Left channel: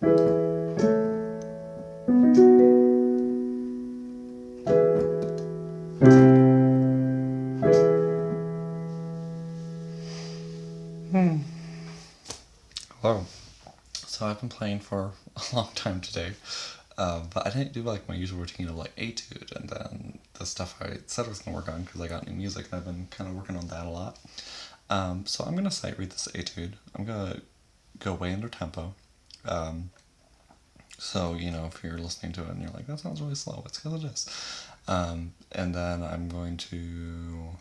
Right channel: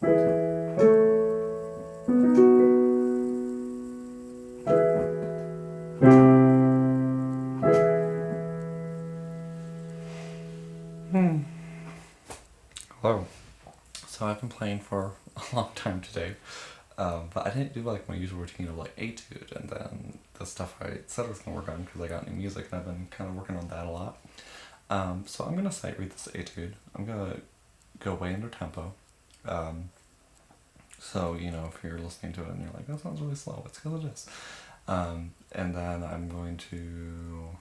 Hello. So I've been playing for a long time today, but I didn't do like my usual routine of like Etude and then the stuff I said I was going to work on because I got new music and I've been kind of working on that a lot. So I'm going to sight read this Etude. I'm going to go way under tempo. So, you know, if you're listening to it and you're like, that sounds really slow, it's because it is. And then I'm going to,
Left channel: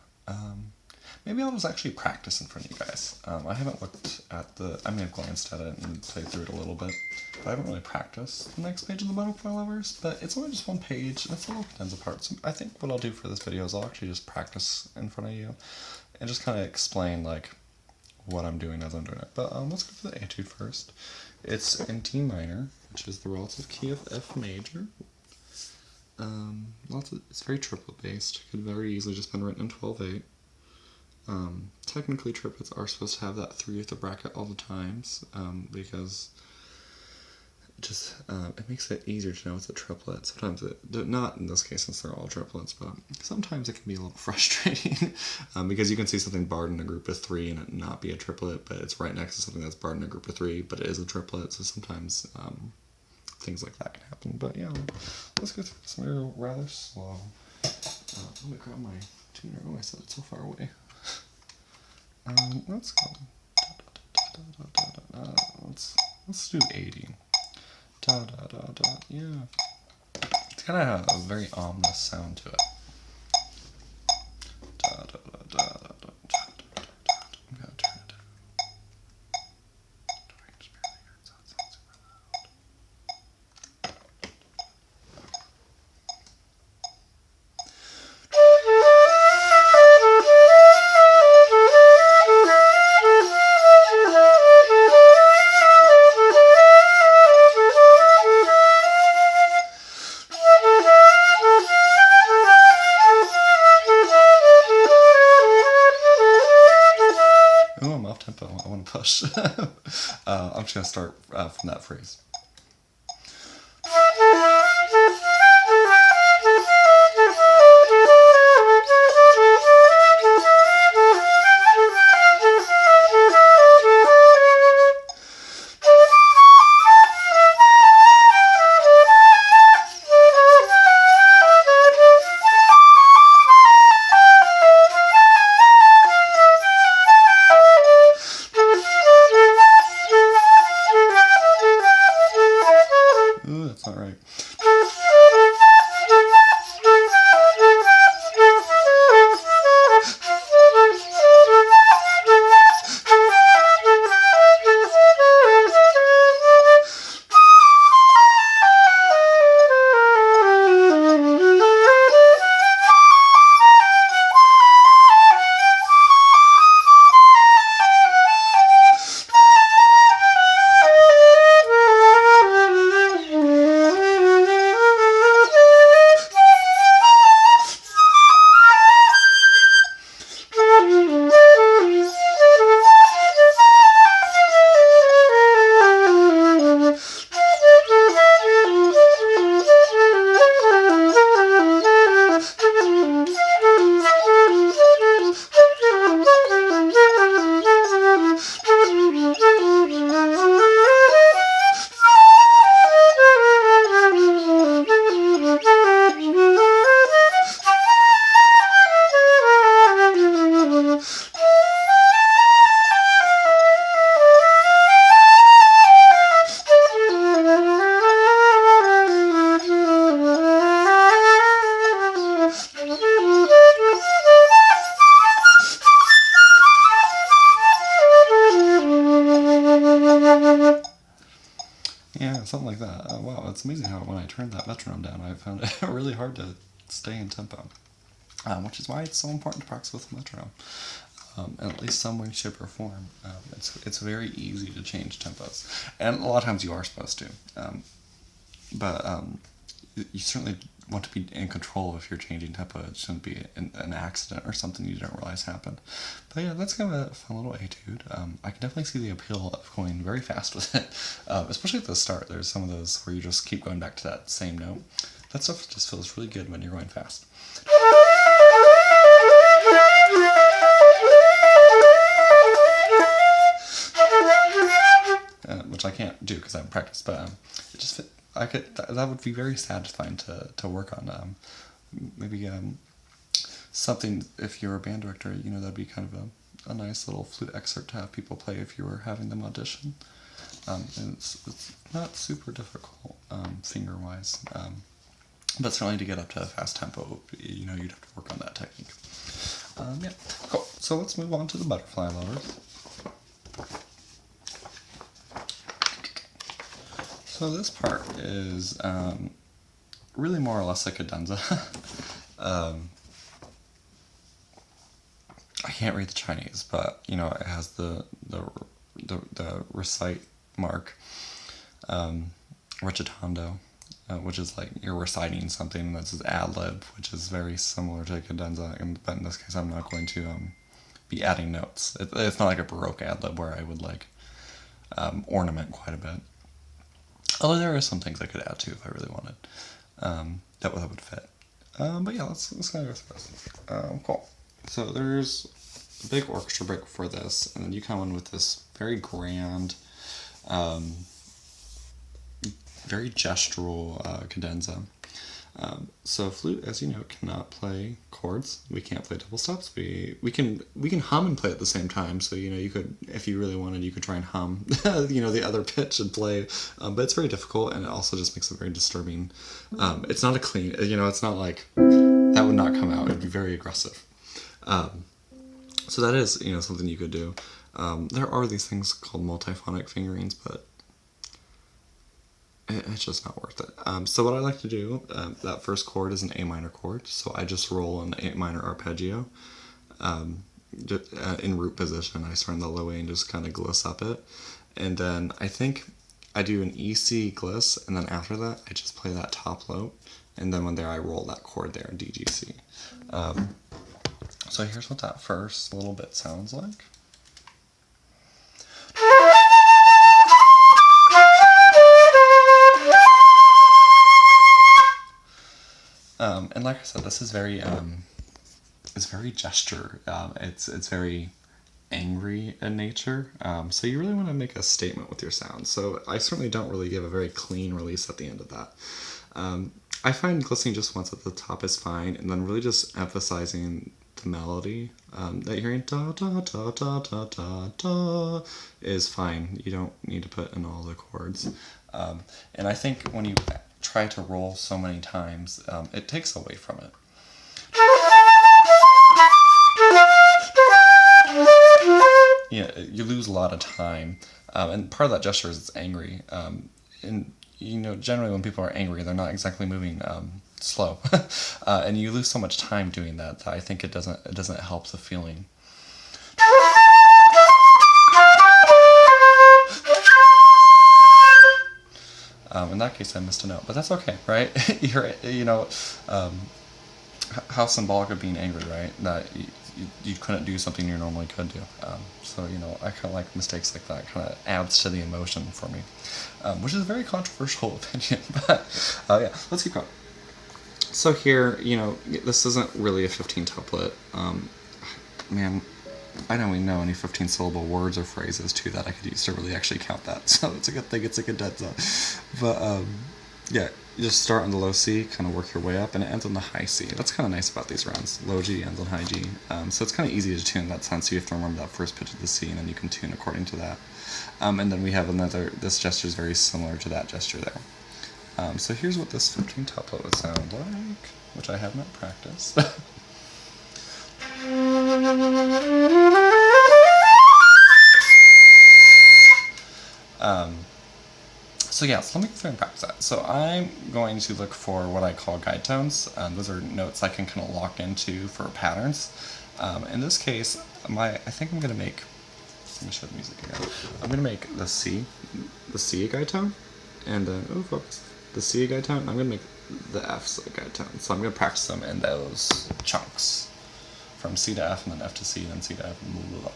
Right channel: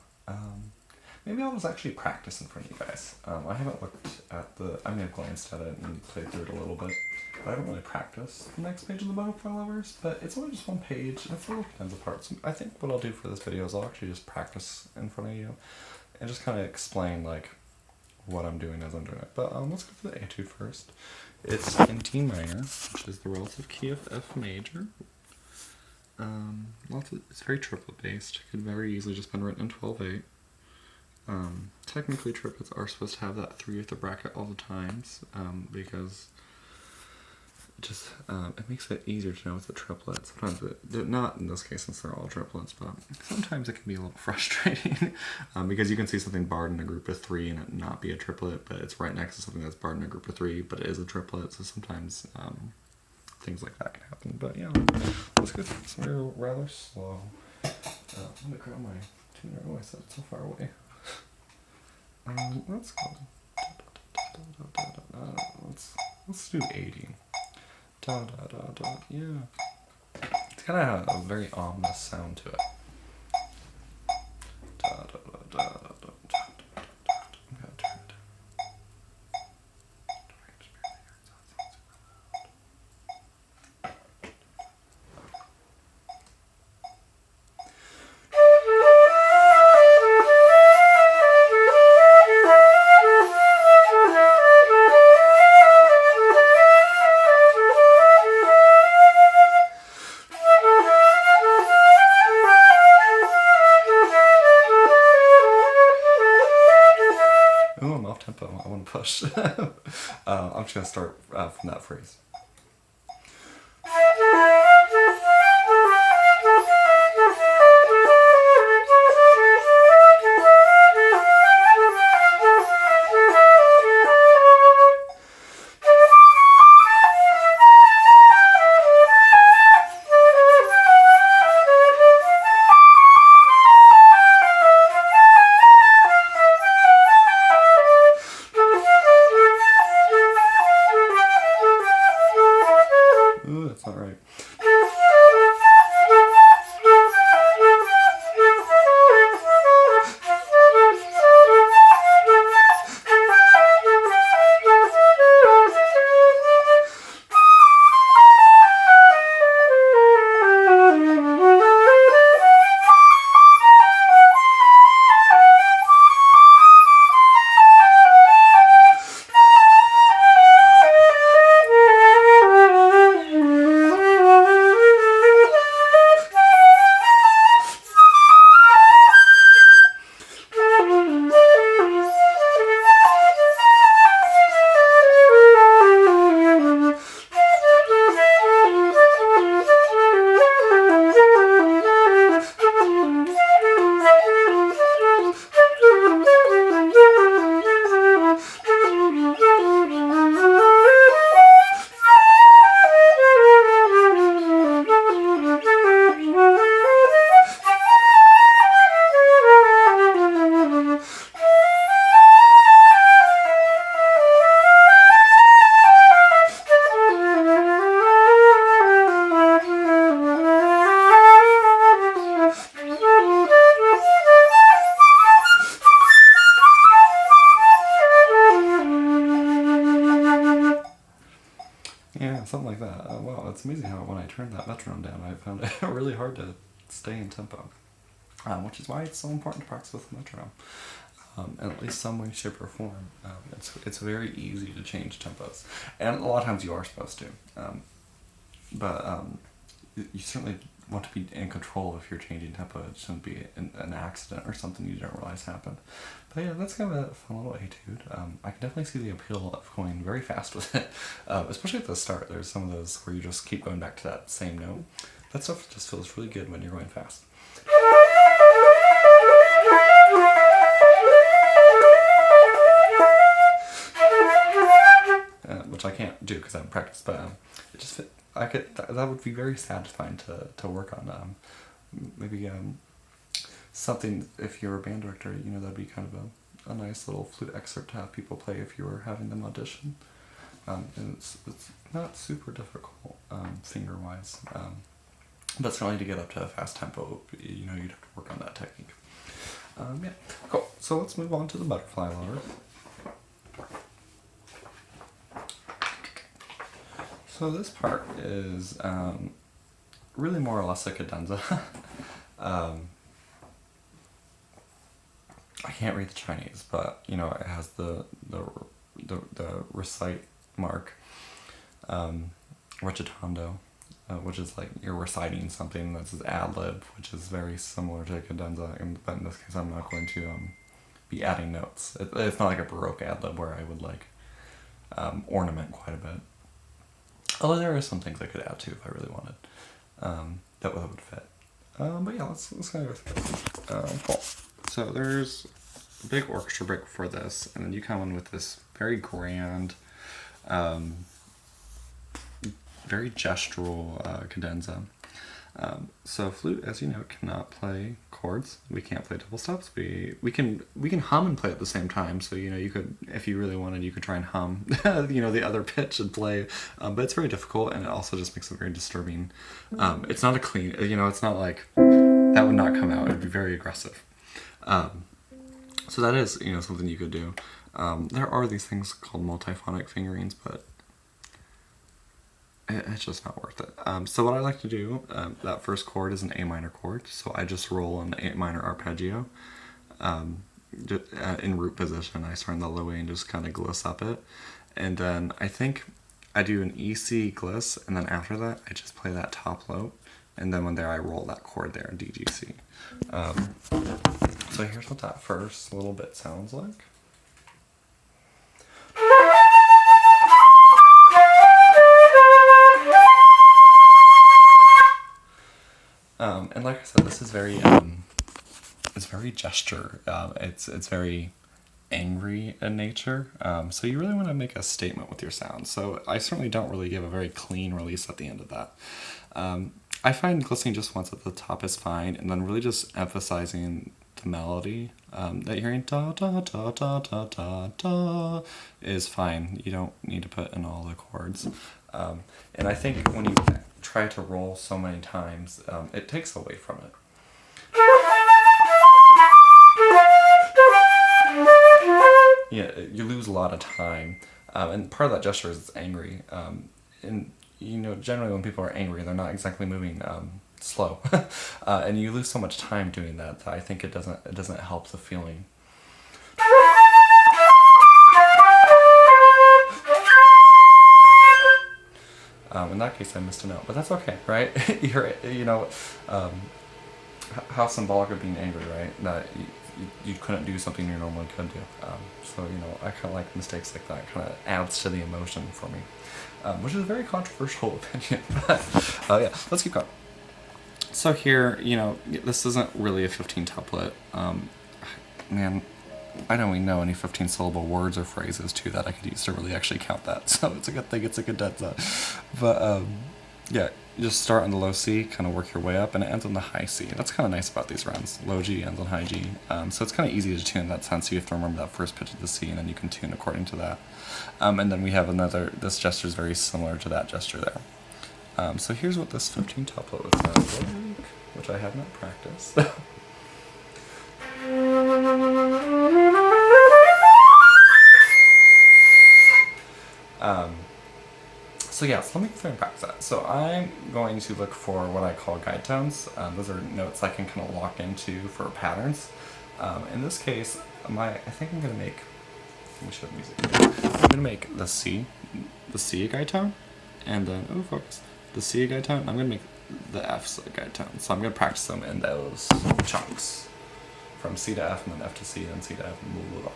maybe I'll just actually practice in front of you guys. I haven't looked at I may have glanced at it and played through it a little bit, but I haven't really practiced the next page of the butterfly lovers, but it's only just one page, and it's a little condensed apart. So I think what I'll do for this video is I'll actually just practice in front of you, and just kind of explain, like, what I'm doing as I'm doing it. But let's go for the Etude first. It's in D minor, which is the relative key of F major. It's very triplet based. Could very easily just been written in 12/8. Technically triplets are supposed to have that 3 with the bracket all the times, because it makes it easier to know it's a triplet. Sometimes not in this case since they're all triplets, but sometimes it can be a little frustrating because you can see something barred in a group of 3 and it not be a triplet, but it's right next to something that's barred in a group of 3, but it is a triplet. So sometimes things like that can happen. But yeah, let's go through this. We're rather slow. Let me grab my tuner. Oh, I set it so far away. Let's go. Let's do 80. Yeah. It's kind of a very ominous sound to it. Oh, I'm off tempo. I want to push. I'm just going to start from that phrase. Ooh, that's not right. Yeah, something like that. Wow, it's amazing how when I turned that metronome down, I found it really hard to stay in tempo, which is why it's so important to practice with a metronome, in at least some way, shape, or form. It's very easy to change tempos, and a lot of times you are supposed to, but you certainly want to be in control if you're changing tempo. It shouldn't be an accident or something you don't realize happened. But yeah, that's kind of a fun little etude. I can definitely see the appeal of going very fast with it, especially at the start. There's some of those where you just keep going back to that same note. That stuff just feels really good when you're going fast. Which I can't do because I haven't practiced, but it just that would be very satisfying to work on. Maybe something, if you're a band director, that'd be kind of a nice little flute excerpt to have people play if you were having them audition. And it's not super difficult finger wise, but certainly to get up to a fast tempo, you'd have to work on that technique. Yeah, cool. So let's move on to the butterfly loaders. So this part is really more or less a cadenza. I can't read the Chinese, but it has the recite mark, recitando, which is like you're reciting something. That's an ad lib, which is very similar to a cadenza. But in this case, I'm not going to be adding notes. It's not like a Baroque ad lib where I would ornament quite a bit. Although there are some things I could add to if I really wanted. That would fit. But yeah, let's kind of go through this. Cool. So there's a big orchestra break for this, and then you come in with this very grand, very gestural cadenza. So flute, as you know, cannot play chords. We can't play double stops. We can hum and play at the same time. So you could, if you really wanted, you could try and hum the other pitch and play. But it's very difficult, and it also just makes it very disturbing. It's not a clean. It's not like that would not come out. It'd be very aggressive. So that is something you could do. There are these things called multiphonic fingerings, but it's just not worth it. So what I like to do, that first chord is an A minor chord, so I just roll an A minor arpeggio in root position. I start in the low A and just kind of gliss up it. And then I think I do an EC gliss, and then after that I just play that top note, and then when there I roll that chord there, DGC. So here's what that first little bit sounds like. And like I said, this is very it's very gesture. It's very angry in nature. So you really want to make a statement with your sound. So I certainly don't really give a very clean release at the end of that. I find glistening just once at the top is fine, and then really just emphasizing the melody that you're hearing da da da da da da da is fine. You don't need to put in all the chords. And I think when you try to roll so many times, it takes away from it. Yeah, you lose a lot of time, and part of that gesture is it's angry. And generally when people are angry, they're not exactly moving slow, and you lose so much time doing that. I think it doesn't help the feeling. In that case, I missed a note, but that's okay, right? How symbolic of being angry, right? That you couldn't do something you normally could do. So I kind of like mistakes like that. It kind of adds to the emotion for me, which is a very controversial opinion. But yeah, let's keep going. So here, this isn't really a 15 tuplet. Man, I don't even know any 15 syllable words or phrases too that I could use to really actually count that. So it's a good thing it's a cadenza. But yeah, you just start on the low C, kind of work your way up, and it ends on the high C. That's kind of nice about these runs. Low G ends on high G. So it's kind of easy to tune in that sense. You have to remember that first pitch of the C, and then you can tune according to that. And then we have this gesture is very similar to that gesture there. So here's what this 15 tuplet would sound like, which I have not practiced. So yeah, so let me go through and practice that. So I'm going to look for what I call guide tones. Those are notes I can kind of lock into for patterns. In this case, I think I'm going to make, let me show the music. I'm going to make the C a guide tone, and then, the C a guide tone, and I'm going to make the F's guide tones. So I'm going to practice them in those chunks. From C to F, and then F to C, and C to F, and blah, blah, blah.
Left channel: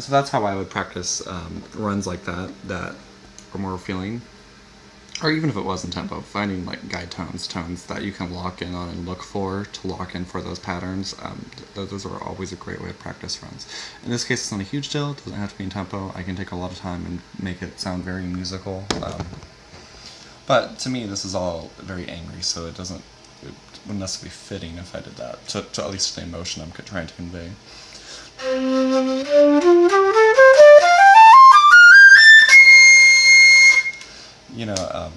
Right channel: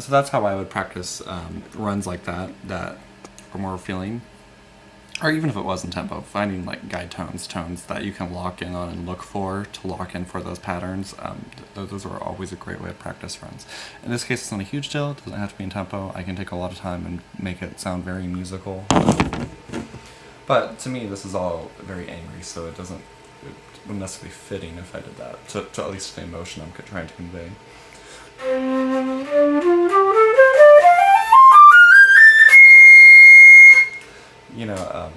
So that's how I would practice runs like that are more feeling, or even if it wasn't tempo, finding like guide tones that you can lock in on and look for to lock in for those patterns. Those are always a great way to practice runs. In this case, it's not a huge deal. It doesn't have to be in tempo. I can take a lot of time and make it sound very musical. But to me, this is all very angry, so it wouldn't necessarily be fitting if I did that, to at least the emotion I'm trying to convey.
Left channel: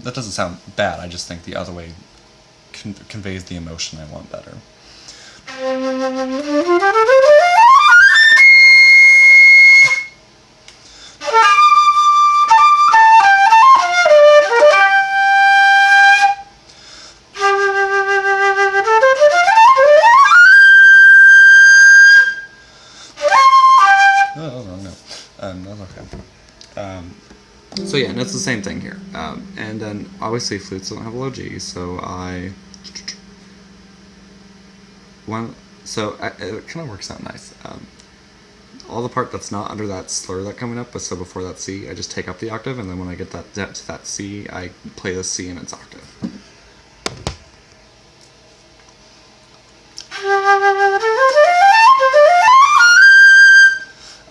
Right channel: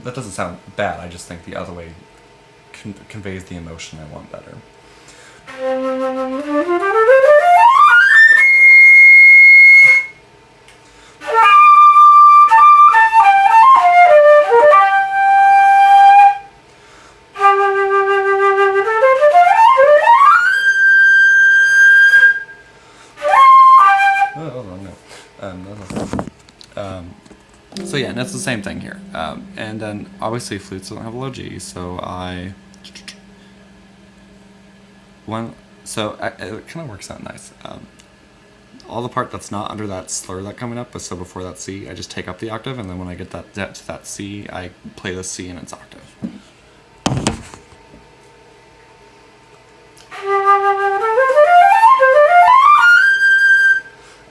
That doesn't sound bad. I just think the other way conveys the emotion I want better. So yeah, and it's the same thing here. And then obviously flutes don't have a low G, so it kind of works out nice. All the part that's not under that slur that coming up, but so before that C, I just take up the octave, and then when I get to that C, I play the C in its octave.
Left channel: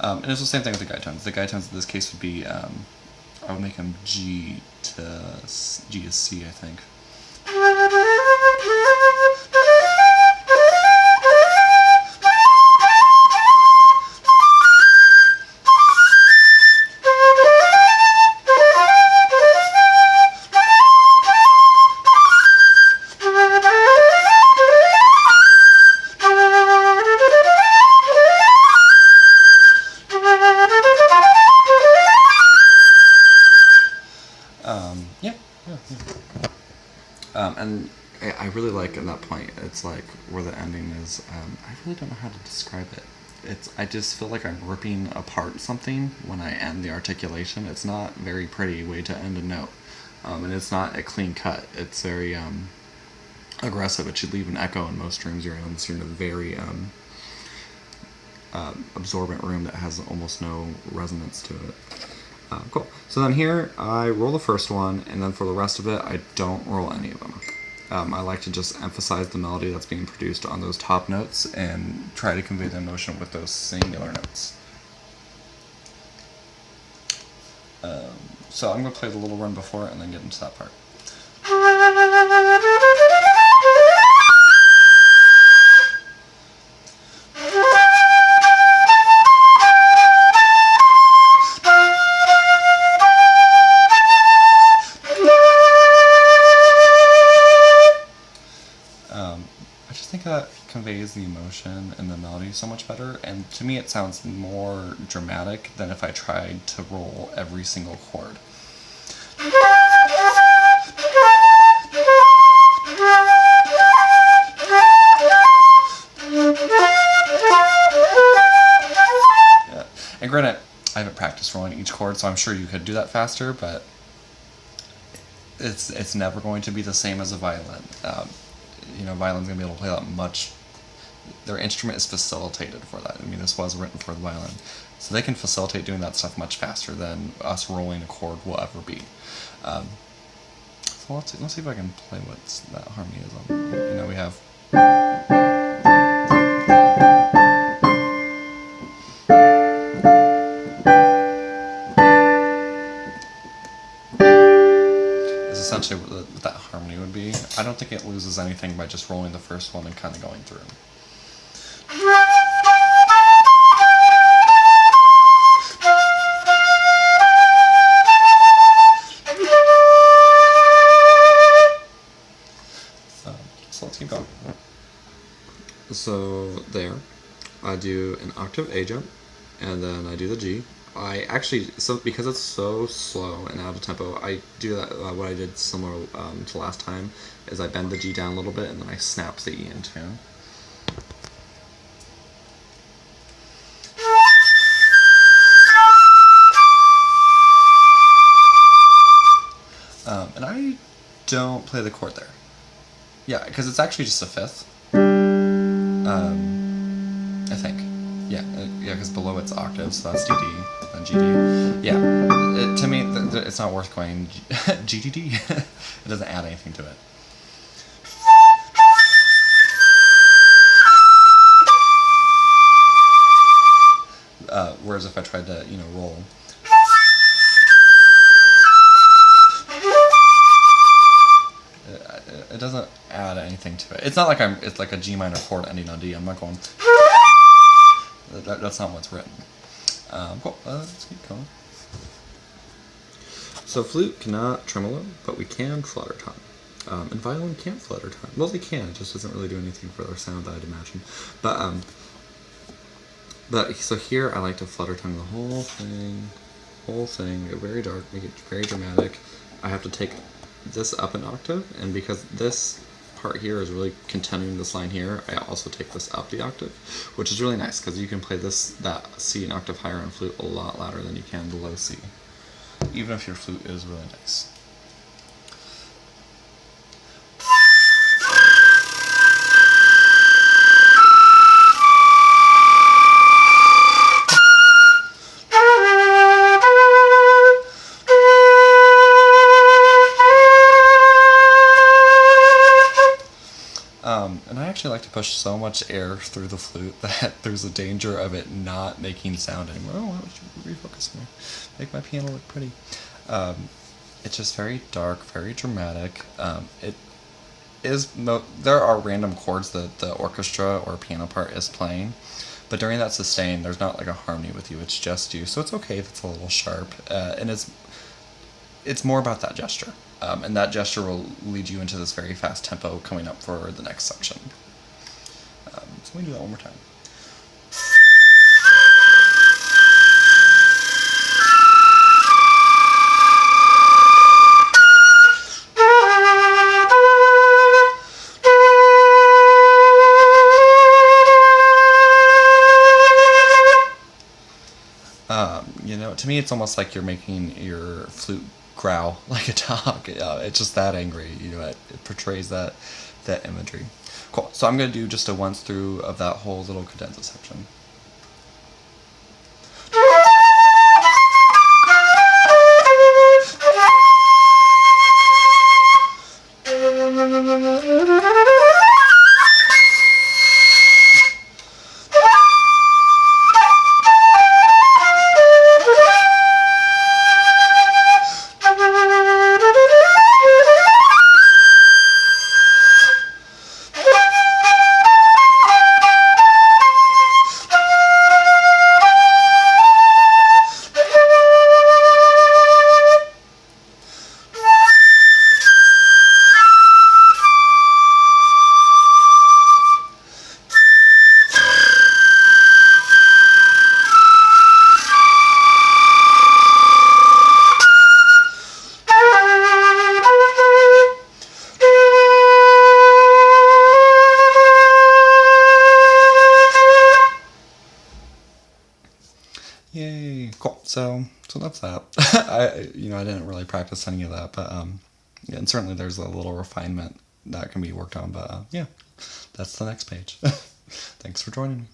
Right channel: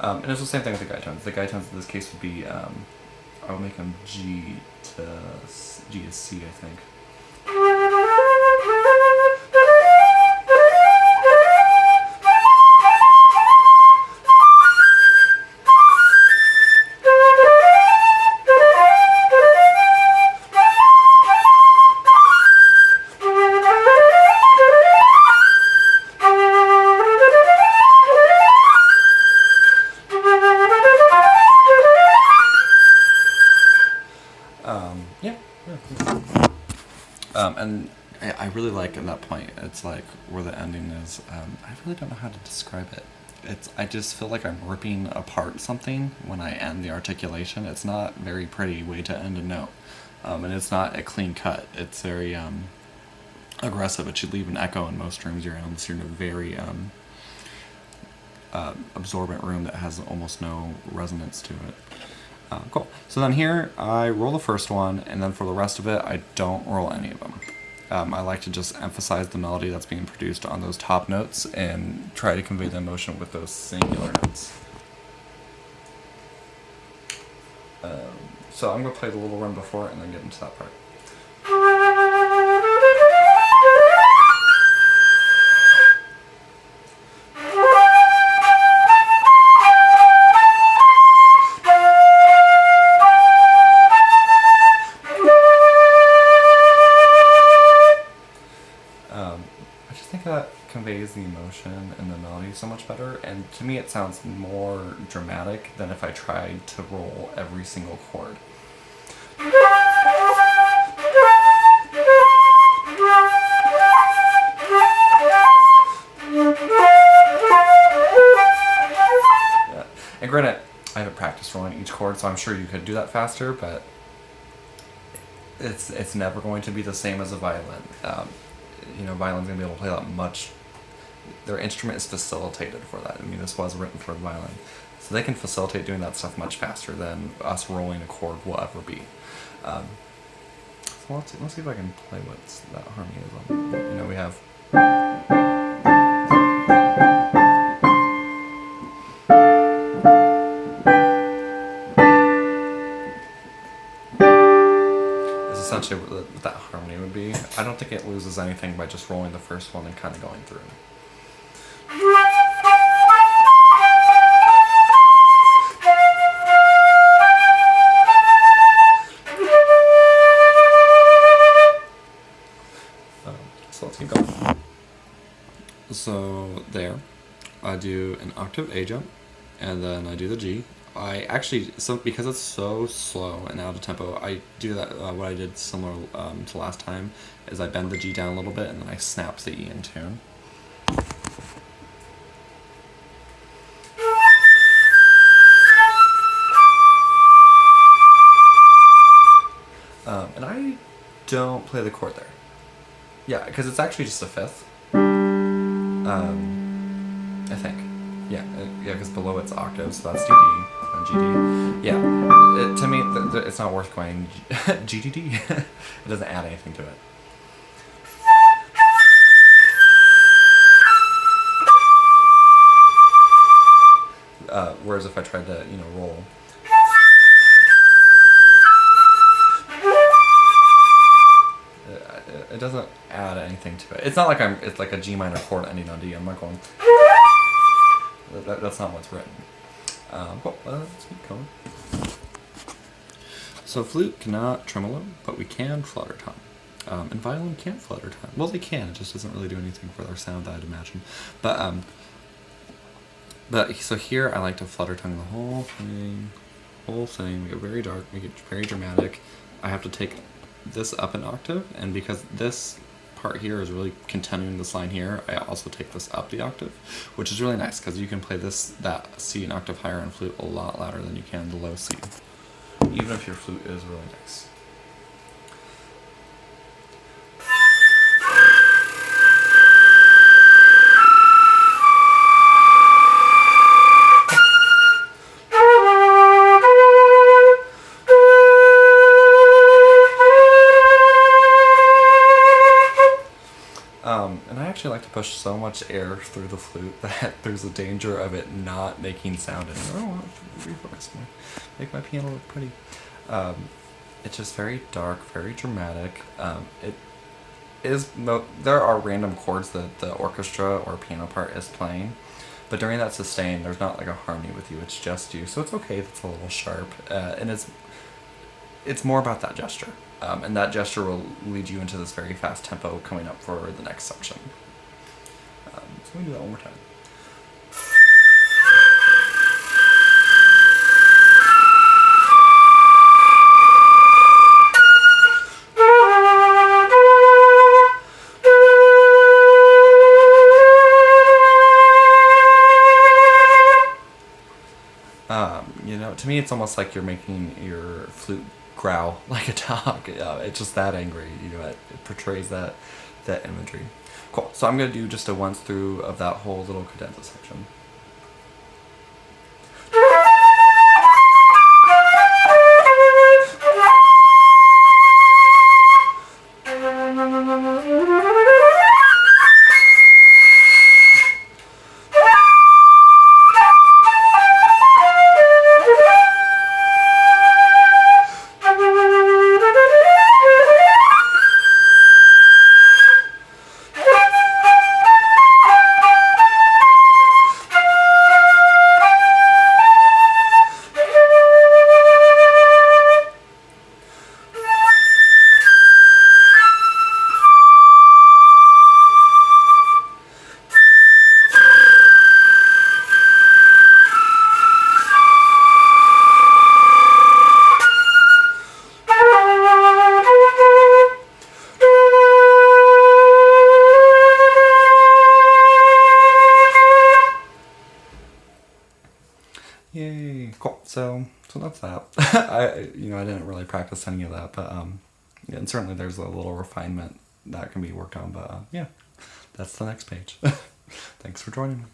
And it's the same thing with the guide tones. The guide tones in this case would be, I would make them G to C, I think. And I really like at that point, it's like where the ending is, I really don't know how to describe it. I just feel like I'm ripping apart something when I end the articulation. It's not a very pretty way to end a note. And it's not a clean cut. It's very aggressive. It should leave an echo in most rooms you're in, unless you're in a very absorbent room that has almost no resonance to it. Cool. So then here, I roll the first one, and then for the rest of it, I don't roll any of them. I like to just emphasize the melody that's being produced on those top notes and try to convey the emotion with those singular notes. So I'm going to play the little run before it and then get into that part. Conveys the emotion and the melody so much better, and to me it sounds more dramatic than if I tried to roll every single chord. Yeah. And granted, I haven't practiced rolling each chord, so I'm sure you could do that faster, but it's never going to be the same as a violin. Violin's going to be able to play that much. Their instrument is facilitated for that. I mean, this was written for the violin. So they can facilitate doing that stuff much faster than us rolling a chord will ever be. So let's see if I can play what that harmony is on. We have... Essentially what that harmony would be. I don't think it loses anything by just rolling the first one and kind of going through. So let's keep going. So there, I do an octave A jump, and then I do the G. I actually, because it's so slow and out of tempo, I do that. What I did similar to last time is I bend the G down a little bit, and then I snap the E in tune. And I don't play the chord there. Yeah, because it's actually just a fifth. I think. Yeah, because below it's octaves, so that's DD and GD. Yeah, to me, it's not worth going GDD. It doesn't add anything to it. Whereas if I tried to, roll. It doesn't add anything to it. It's not like it's like a G minor chord ending on D. I'm not going. That's not what's written. Cool. Let's keep going. So flute cannot tremolo, but we can flutter tone. And violin can't flutter tone. Well, they can. It just doesn't really do anything for their sound, I'd imagine. But so here I like to flutter tongue the whole thing. Make it very dark. Make it very dramatic. I have to take this up an octave, and because this part here is really continuing this line here, I also take this up the octave, which is really nice because you can play that C an octave higher on flute a lot louder than you can the low C, even if your flute is really nice. And I actually like to push so much air through the flute that there's a danger of it not making sound anymore. Oh, I should refocus more. Make my piano look pretty. It's just very dark, very dramatic. There are random chords that the orchestra or piano part is playing, but during that sustain, there's not like a harmony with you. It's just you, so it's okay if it's a little sharp, and it's more about that gesture. And that gesture will lead you into this very fast tempo coming up for the next section. So let me do that one more time. To me, it's almost like you're making your flute growl like a dog. It's just that angry. It portrays that imagery. Cool. So I'm going to do just a once through of that whole little cadenza section. Yay! Cool. So that's that. I didn't really practice any of that, but yeah, and certainly there's a little refinement that can be worked on. But yeah, that's the next page. Thanks for joining me.